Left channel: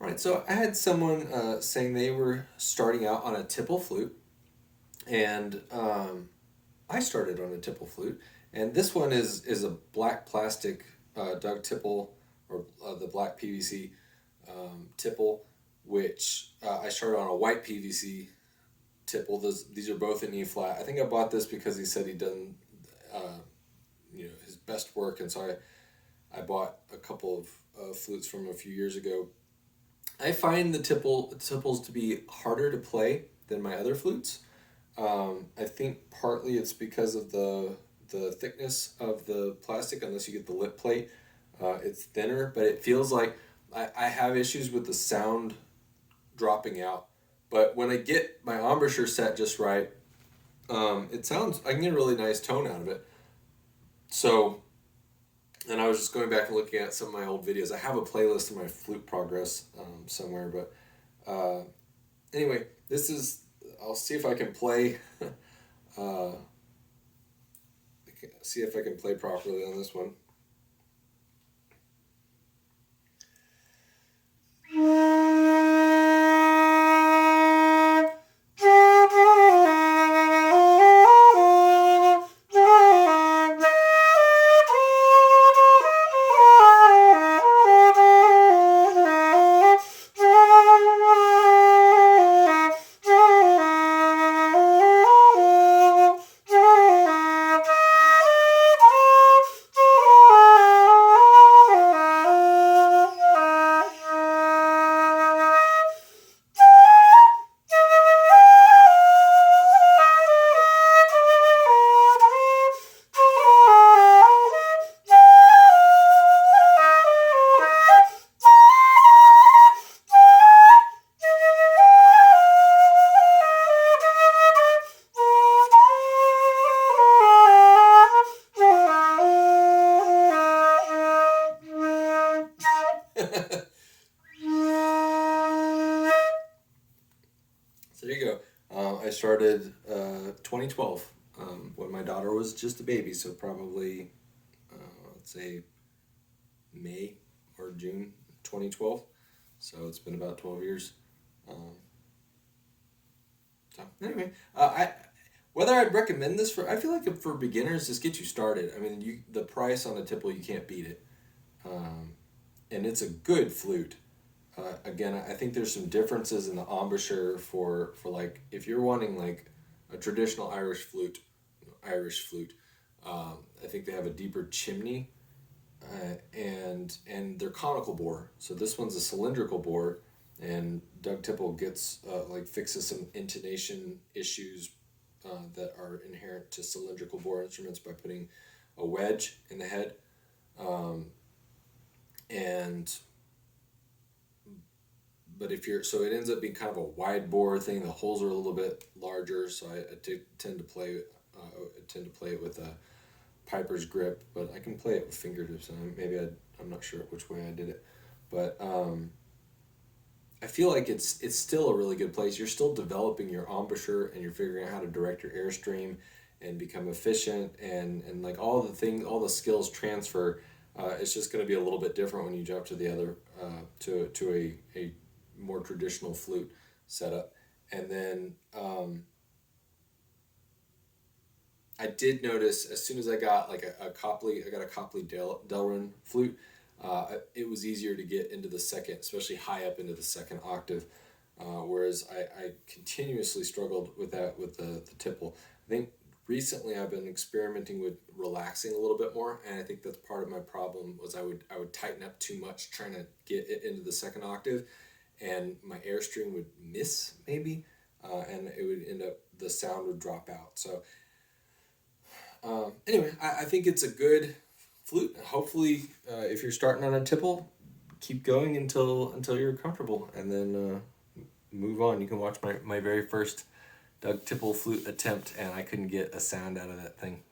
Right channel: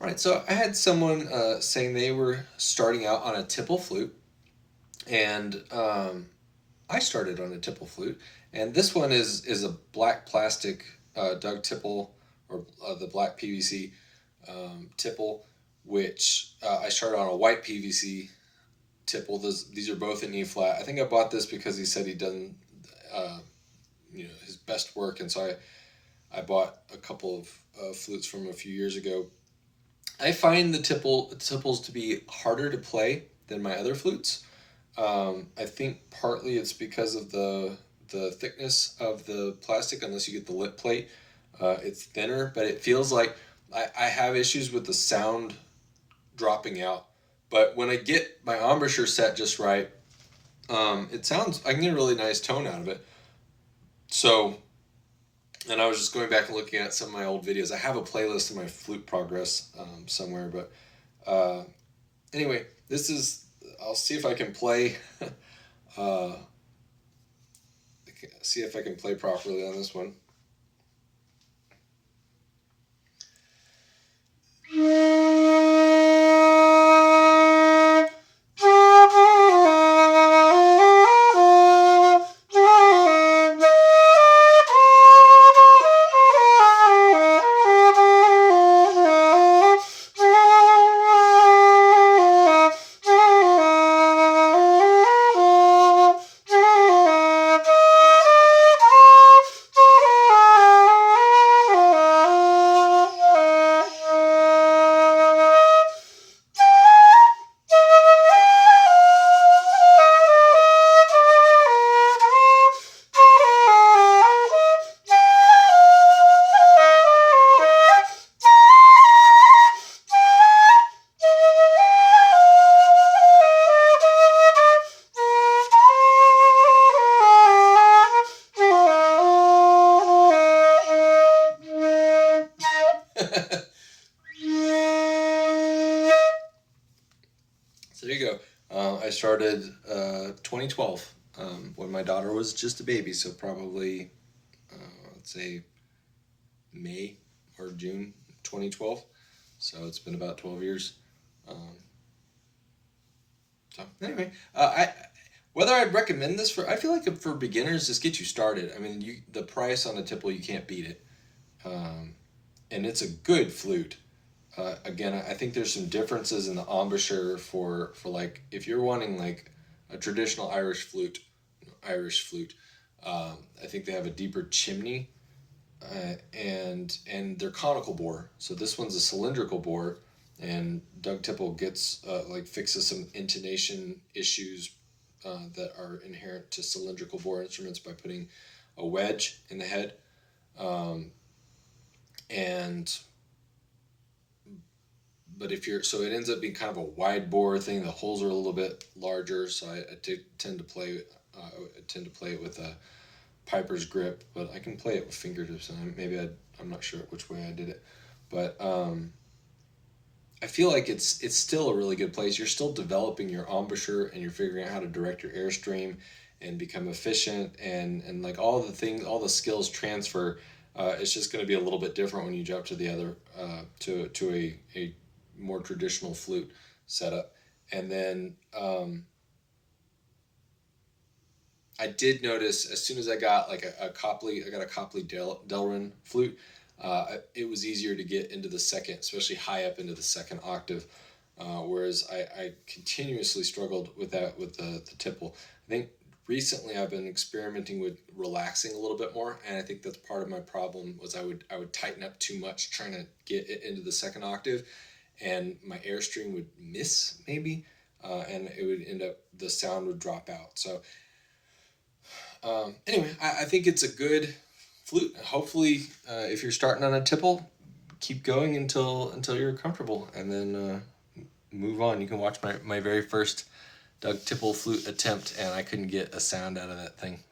All right, so I had someone saying they were starting out on a Tipple flute, and I started on a Tipple flute, and this one is a black plastic Doug Tipple, or the black PVC Tipple, which I started on a white PVC Tipple. These are both in E flat. I think I bought this because he said he'd done uh, his best work, and so I bought a couple of flutes from a few years ago. I find the tipples to be harder to play than my other flutes. I think partly it's because of the thickness of the plastic. Unless you get the lip plate, it's thinner, but it feels like I have issues with the sound dropping out. But when I get my embouchure set just right, it sounds, I can get a really nice tone out of it. So, and I was just going back and looking at some of my old videos. I have a playlist of my Flute Progress somewhere, but anyway, this is, I'll see if I can play, uh, see if I can play properly on this one. So there you go. I started 2012 when my daughter was just a baby, so probably let's say May or June 2012. So it's been about 12 years. Um, so anyway, I whether I'd recommend this for, I feel like for beginners, just get you started. I mean, the price on a Tipple, you can't beat it, um, and it's a good flute. Again, I think there's some differences in the embouchure for like if you're wanting like a traditional Irish flute. I think they have a deeper chimney, and they're conical bore. So this one's a cylindrical bore, and Doug Tipple gets like fixes some intonation issues that are inherent to cylindrical bore instruments by putting a wedge in the head, um, and but if you're, so it ends up being kind of a wide bore thing. The holes are a little bit larger, so tend to play. I tend to play it with a Piper's grip, but I can play it with fingertips, and I'm not sure which way I did it, but I feel like it's still a really good place. You're still developing your embouchure, and you're figuring out how to direct your airstream and become efficient, and like all the things, all the skills transfer. It's just going to be a little bit different when you jump to the other to a more traditional flute setup. And then I did notice as soon as I got like a Copley, I got a Copley Delrin flute. It was easier to get into the second, especially high up into the second octave. Whereas I continuously struggled with that with the Tipple. I think recently I've been experimenting with relaxing a little bit more, and I think that's part of my problem was I would tighten up too much trying to get it into the second octave, and my airstream would miss maybe, and it would end up, the sound would drop out. So anyway, I think it's a good flute. Hopefully, if you're starting on a Tipple, keep going until you're comfortable, and then move on. You can watch my very first Doug Tipple flute attempt, and I couldn't get a sound out of that thing.